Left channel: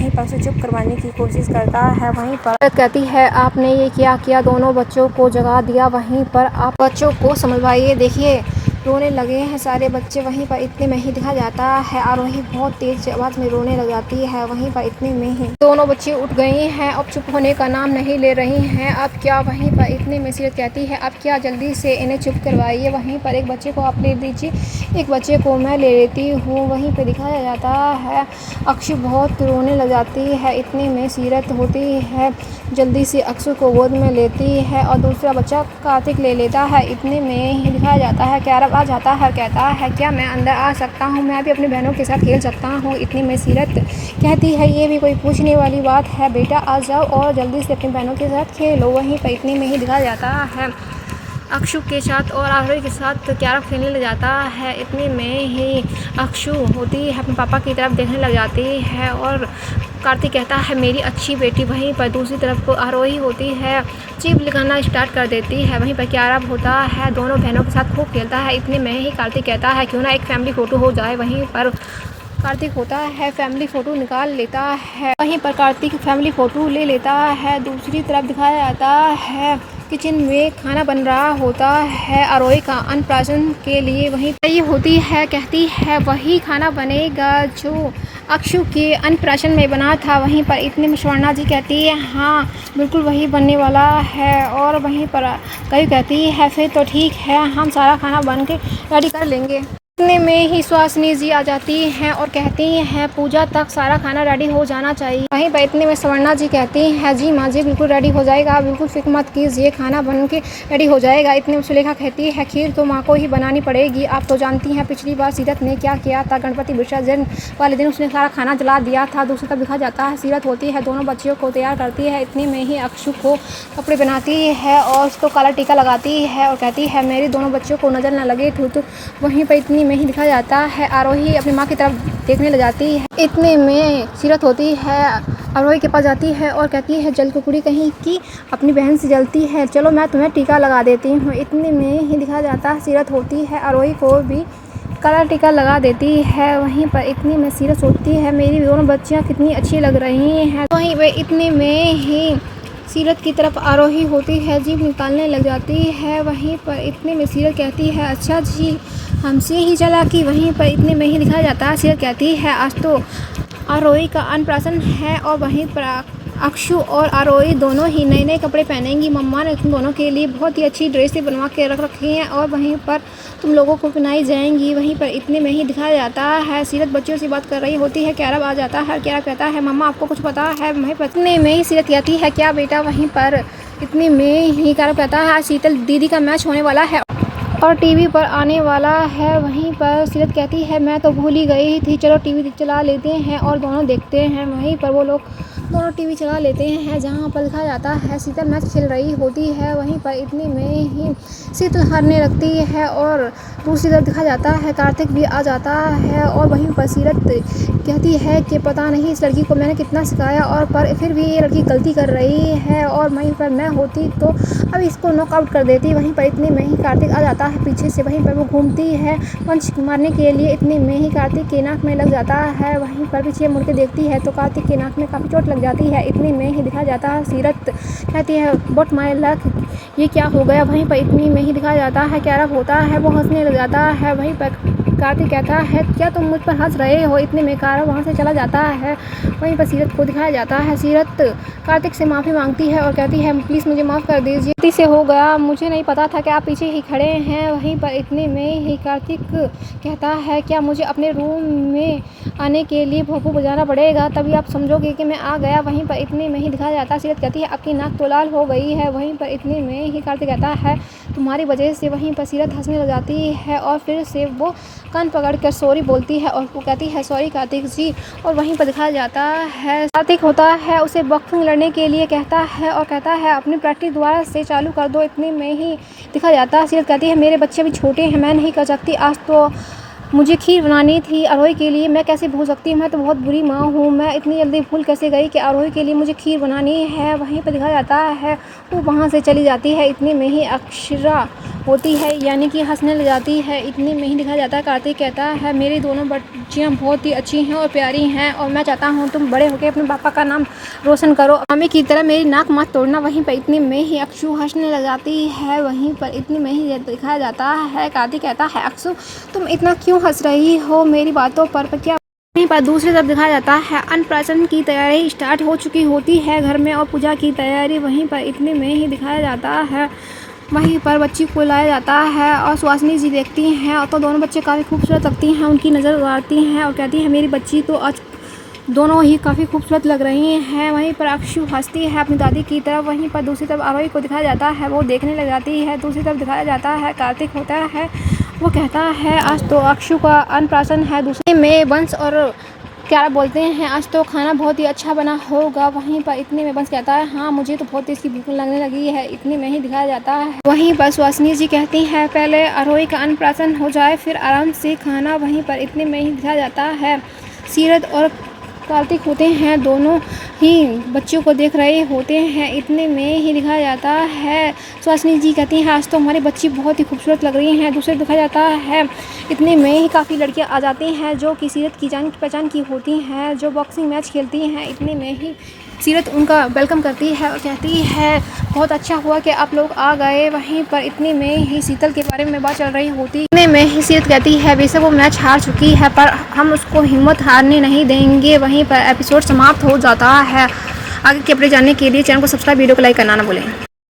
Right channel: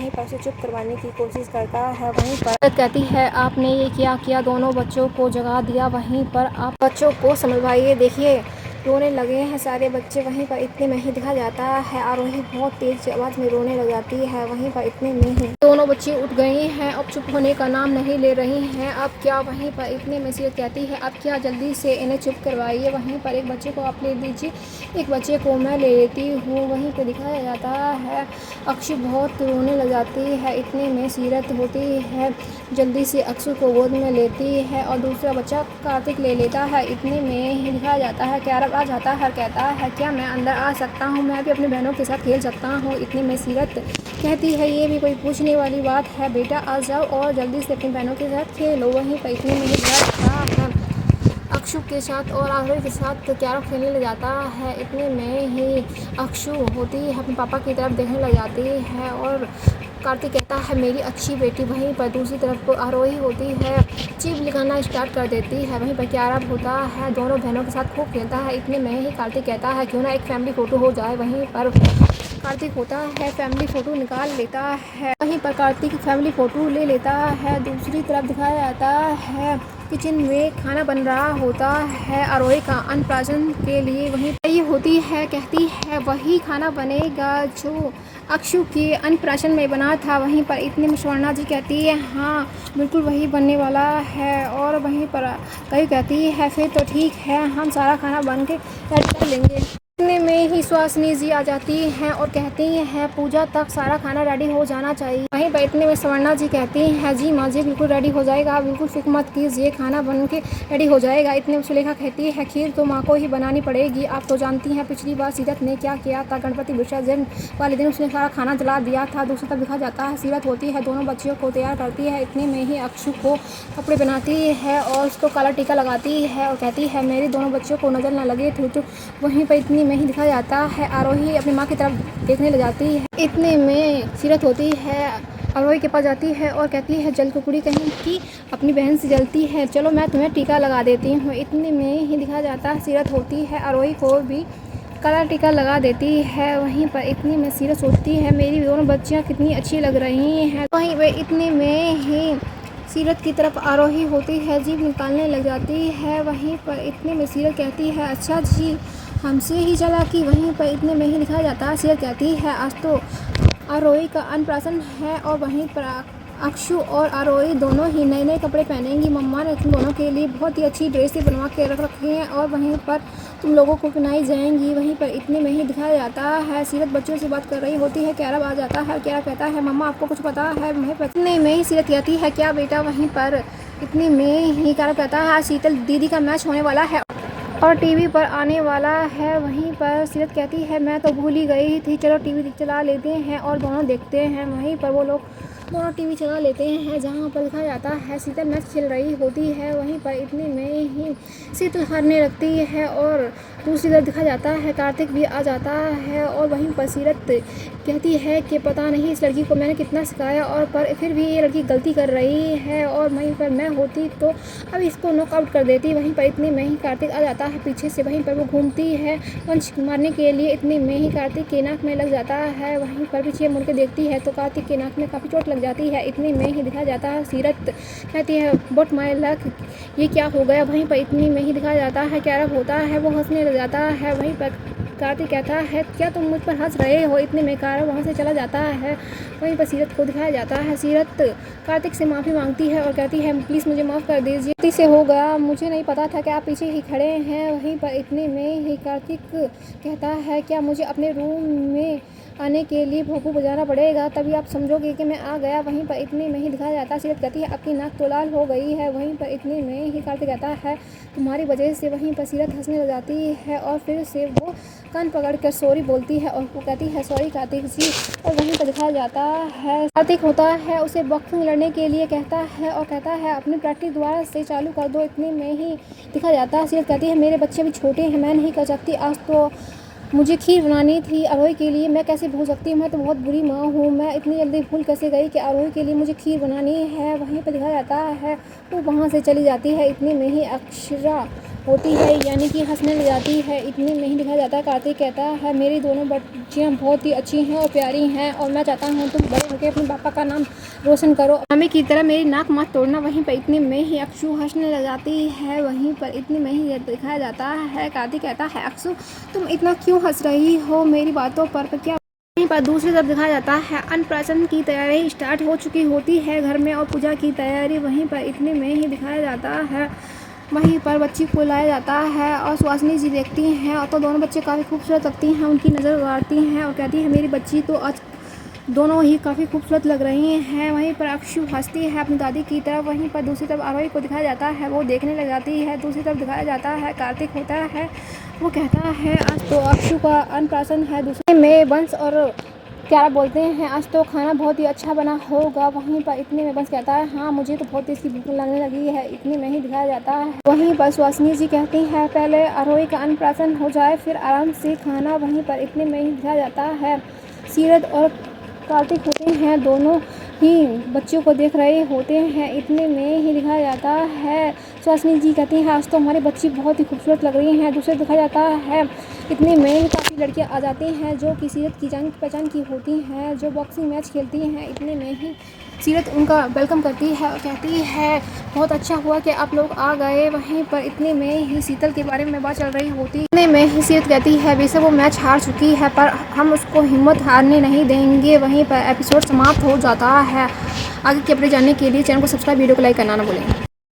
वहीं पर उसे चुप करवाने की कोशिश करता है। वहीं पर कहती है आपने ये क्या किया, दोनों बच्चों को जगा दिया, वहीं पर आप बच्चों को समझवाइए, देखिए रोने लगे हैं सारे बच्चे। वहीं पर इतने में ही देखा जाता है आरोही बहुत तेज आवाज में रोने लग जाती है। वहीं पर इतने में ही दोनों बच्ची उठ गई हैं, अब चुप होने का नाम नहीं ले रही हैं। अब क्या, वहीं पर इतने में सीरत कहती है अब क्या, जल्दी से इन्हें चुप करवाइए। वहीं पर एक बच्चे को आप ले लीजिए, एक बच्चे को मैं ले लेती हूँ। वहीं पर दिखाया जाता है अक्षु बहुत रोने लग जाती है। इतने में सीरत होती है जल्दी से अक्षु को गोद में लेती है और दूसरा बच्चा कार्तिक ले लेता है। इतने में ही दिखाया जाता है कैरव आ जाता है, कहता है क्या मैं अंदर आ सकता हूँ, मैं भी अपनी बहनों के साथ खेल सकता हूँ। इतने में सीरत कहती है ये भी कोई पूछने वाली बात है, बेटा आ जाओ और जल्दी से अपनी बहनों के साथ खेलो। वहीं पर इतने में ही दिखाया जाता है अक्षु के साथ और आरोही के साथ कैरम खेलने लग जाता है। इतने में ही अक्षु होती है अपने पापा की तरफ देखने लग जाती है और कार्तिक कहता है मेरी अच्छी बेटी। वहीं पर दूसरी तरफ को आरोही होती है चीप लगाना स्टार्ट कर देती है। वहीं पर कैरम होता है दोनों बहनों के साथ खूब खेलता है। इतने में ही कार्तिक कहता है क्यों ना एक फैमिली फ़ोटो हो जाए। वहीं पर कार्तिक होता है फैमिली फ़ोटो निकाल लेता है। वहीं पर कार्तिक फैमिली फ़ोटो ले लेता है। दूसरी तरफ दिखाया जाता है किचन में खाना बन रहा होता है आरोही का अन्नप्राशन के लिए। वहीं तैयारी होती है, कहती है वही खाना बनेगा जो अक्षु के अन्नप्राशन में बना था। वहीं पर इतने में स्वर्णा जी कहती है हाँ बिल्कुल वही बनने वाला है। और वहीं पर कई कहती है फिर तो ठीक है, हम सारा खाना बन के रेडी कर लेंगे। इतने में ही सुहासिनी जी आ जाती हैं और कहती हैं पूजा तक सारा खाना रेडी हो जाना चाहिए। वहीं पर इतने में स्वर्णा जी कहती हैं जी माँ जी बिल्कुल रेडी हो जाएगा, आप बिल्कुल फिक्र मत कीजिए, खाना बन के रेडी हो जाएगा। इतने में सुलेखा कहती है खीर तो माँ को ही बनानी पड़ेगी, आप तो जानती हैं पिछली बार सीरत ने क्या किया था, गणपति विसर्जन वाले दिन उसने सारा खाना जला दिया था। दूसरी तरफ दिखा जाता है सीरत होती है दोनों बच्चियों को तैयार करती है। इतने में ही अक्षु को कपड़े बनाती है और उसको काला टीका लगाती है और कहती है मेरी दोनों बच्चों को नज़र न लगे तो वहीं पर इतनी में ही दिखाया जाता है आरोही अपनी माँ की तरफ देखने लग जाती है। इतने में सीरत होती है आरोही के पास जाती है और कहती है जल कुकुड़ी कहीं की अपनी बहन से जलती है, चलो मैं तुम्हें टीका लगा देती हूँ। इतने में ही दिखाया जाता है सीरत होती है आरोही को भी काला टीका लगा देती है। वहीं पर इतनी में सीरत सोचती है मेरी दोनों बच्चियाँ कितनी अच्छी लग रही हैं। वहीं वे इतने में ही सीरत की तरफ आरोही होती है जीभ निकालने लग जाती है। वहीं पर इतने में सीरत कहती है अच्छा जी हमसे ही चालाकी। वहीं पर इतने में ही दिखाया जाता है सीरत कहती है आज तो आरोही का अन्नप्राशन है और वहीं पर अक्षु और आरोही दोनों ही नए नए कपड़े पहनेंगी। मम्मा ने तुम दोनों के लिए बहुत ही अच्छी ड्रेसें बनवा के रख रखी हैं और वहीं पर तुम लोगों को पहनाई जाएंगी। वहीं पर इतने में ही दिखाया जाता है सीरत बच्चियों से बात कर रही होती है, कैरव आ जाता है। कैरव कहता है मम्मा आपको कुछ पता है। वहीं पर इतने में ही सीरत कहती है क्या बेटा। वहीं पर इतने में ही कैरव कहता है शीतल दीदी का मैच होने वाला है और टीवी पर आने वाला है। वहीं पर सीरत कहती है मैं तो भूल ही गई थी, चलो टीवी चला लेते हैं और दोनों देखते हैं। वहीं पर वो लोग दोनों टीवी चला लेते हैं जहां पर दिखाया जाता है शीतल मैच खेल रही होती है। वहीं पर इतने में ही शीतल हारने लगती है और दूसरी तरफ दिखाया जाता है कार्तिक भी आ जाता है और वहीं पर सीरत कहती है कि पता नहीं इस लड़की को मैंने कितना सिखाया और पर फिर भी ये लड़की गलती कर रही है और वहीं पर मैं होती तो अब इसको नॉकआउट कर देती। वहीं पर इतने में ही कार्तिक आ जाता है पीछे से। वहीं पर वो घूमती है पंच मारने के लिए। इतने में ही कार्तिक के नाक में लग जाता है। वहीं पर पीछे मुड़ के देखती है तो कार्तिक के नाक में काफ़ी चोट लग जाती है। इतने में ही दिखाया जाता है सीरत कहती है बट माय लक ये क्या हो गया। वहीं पर इतने में ही दिखाया जाता है कैरव होता है वो हंसने लग जाता है। वहीं पर कार्तिक कहता है क्या तुम मुझ पर हंस रहे हो। इतने में कैरव वहाँ से चला जाता है। वहीं पर सीरत को दिखाया जाता है सीरत कार्तिक से माफ़ी मांगती है और कहती है प्लीज़ मुझे माफ़ कर दीजिए, गलती से हो गया, मुझे नहीं पता था कि आप पीछे ही खड़े हैं। वहीं पर इतने में ही कार्तिक कहता है क्या मुझे अपने रूम में आने के लिए भोंपू बजाना पड़ेगा तभी आप समझोगे कि मैं आ गया। वहीं पर इतने में ही दिखाया जाता है सीरत कहती है आपकी नाक तो लाल हो गई है। वहीं पर इतने में ही कार्तिक कहता है तुम्हारी वजह से। वहीं पर सीरत हंसने लग जाती है और फिर से वो कान पकड़ कर सॉरी बोलती है और वो कहती है सॉरी कार्तिक जी। और वहीं पर दिखाया जाता है कार्तिक होता है उसे बॉक्सिंग लड़ने के लिए कहता है और कहता है अपनी प्रैक्टिस दोबारा से चालू कर दो। इतने में ही दिखाया जाता है सीरत कहती है मेरे बच्चे भी छोटे हैं मैं नहीं कर सकती, आज तो मुझे खीर बनानी थी आरोही के लिए, मैं कैसे भूल सकती हूँ, मैं तो बहुत बुरी माँ हूँ, मैं इतनी जल्दी भूल कैसे गई कि आरोही के लिए मुझे खीर बनानी है। वहीं पर दिखाया जाता है वो वहाँ से चली जाती है, इतने में ही अक्षरा होती है यानी कि हंसने लग जाती है। इतने में ही दिखाया जाता है कार्तिक कहता है मेरी दोनों बच्चियाँ बहुत ही अच्छी हैं और प्यारी हैं और मैं चाहता हूँ तुम बड़े होकर अपने पापा का नाम रोशन करो, मम्मी की तरह मेरी नाक मत तोड़ना। वहीं पर इतने में ही अक्षु हंसने लग जाती है। वहीं पर इतने में ही दिखाया जाता है कार्तिक कहता है अक्षु तुम इतना क्यों हंस रही हो मेरी बातों पर क्या। वहीं पर दूसरी तरफ दिखाया जाता है अन्नप्राशन की तैयारी स्टार्ट हो चुकी होती है घर में और पूजा की तैयारी। वहीं पर इतने में ही दिखाया जाता है वहीं पर बच्ची को लाया जाता है और सुहासिनी जी देखती हैं और तो दोनों बच्चे काफ़ी खूबसूरत लगती हैं, उनकी नज़र उड़ाती हैं और कहती है मेरी बच्ची तो आज दोनों ही काफ़ी खूबसूरत लग रही हैं। वहीं पर अक्षु हंसती है अपनी दादी की तरफ। वहीं पर दूसरी तरफ आरोही को दिखाया जाता है वो देखने लग जाती है। दूसरी तरफ दिखाया जाता है कार्तिक होता है वो कहता है आज तो अक्षु का अन्नप्राशन है। दूसरे में वंश और क्या बोलते हैं आज तो खाना बहुत ही अच्छा बना होगा। वहीं पर इतने में वंश कहता है हाँ मुझे तो बहुत इसकी भूख लगने लगी है। इतने में ही दिखाया जाता है वहीं पर सुहासिनी जी कहती हैं पहले आरोही का अन्नप्राशन हो जाए फिर आराम से खाना। वहीं पर इतने में ही दिखाया जाता है सीरत और कार्तिक होते हैं दोनों ही बच्चों को देख रहे होते हैं। इतने में ही दिखाया जाता है सुहासिनी जी कहती हैं आज तो हमारी बच्ची बहुत ही खूबसूरत लग रही हैं। दूसरे दिखाया जाता है इतने में ही काफ़ी लड़कियां आ जाती हैं जो कि सीरत की जान पहचान की होती हैं जो बॉक्सिंग मैच खेलती हैं। इतने में ही सीरत उनका वेलकम करती है और कहती है बहुत अच्छा हुआ कि आप लोग आ गए। वहीं पर इतने में ही शीतल के बारे में बात चल रही होती। इतने में ही सीरत कहती है वैसे वो मैच हार चुकी है पर हम उसको हिम्मत हारने नहीं देंगे। वहीं पर एपिसोड समाप्त हो जाता है। आगे के अपडेट जानने के लिए चैनल को सब्सक्राइब वीडियो को लाइक करना ना भूलें।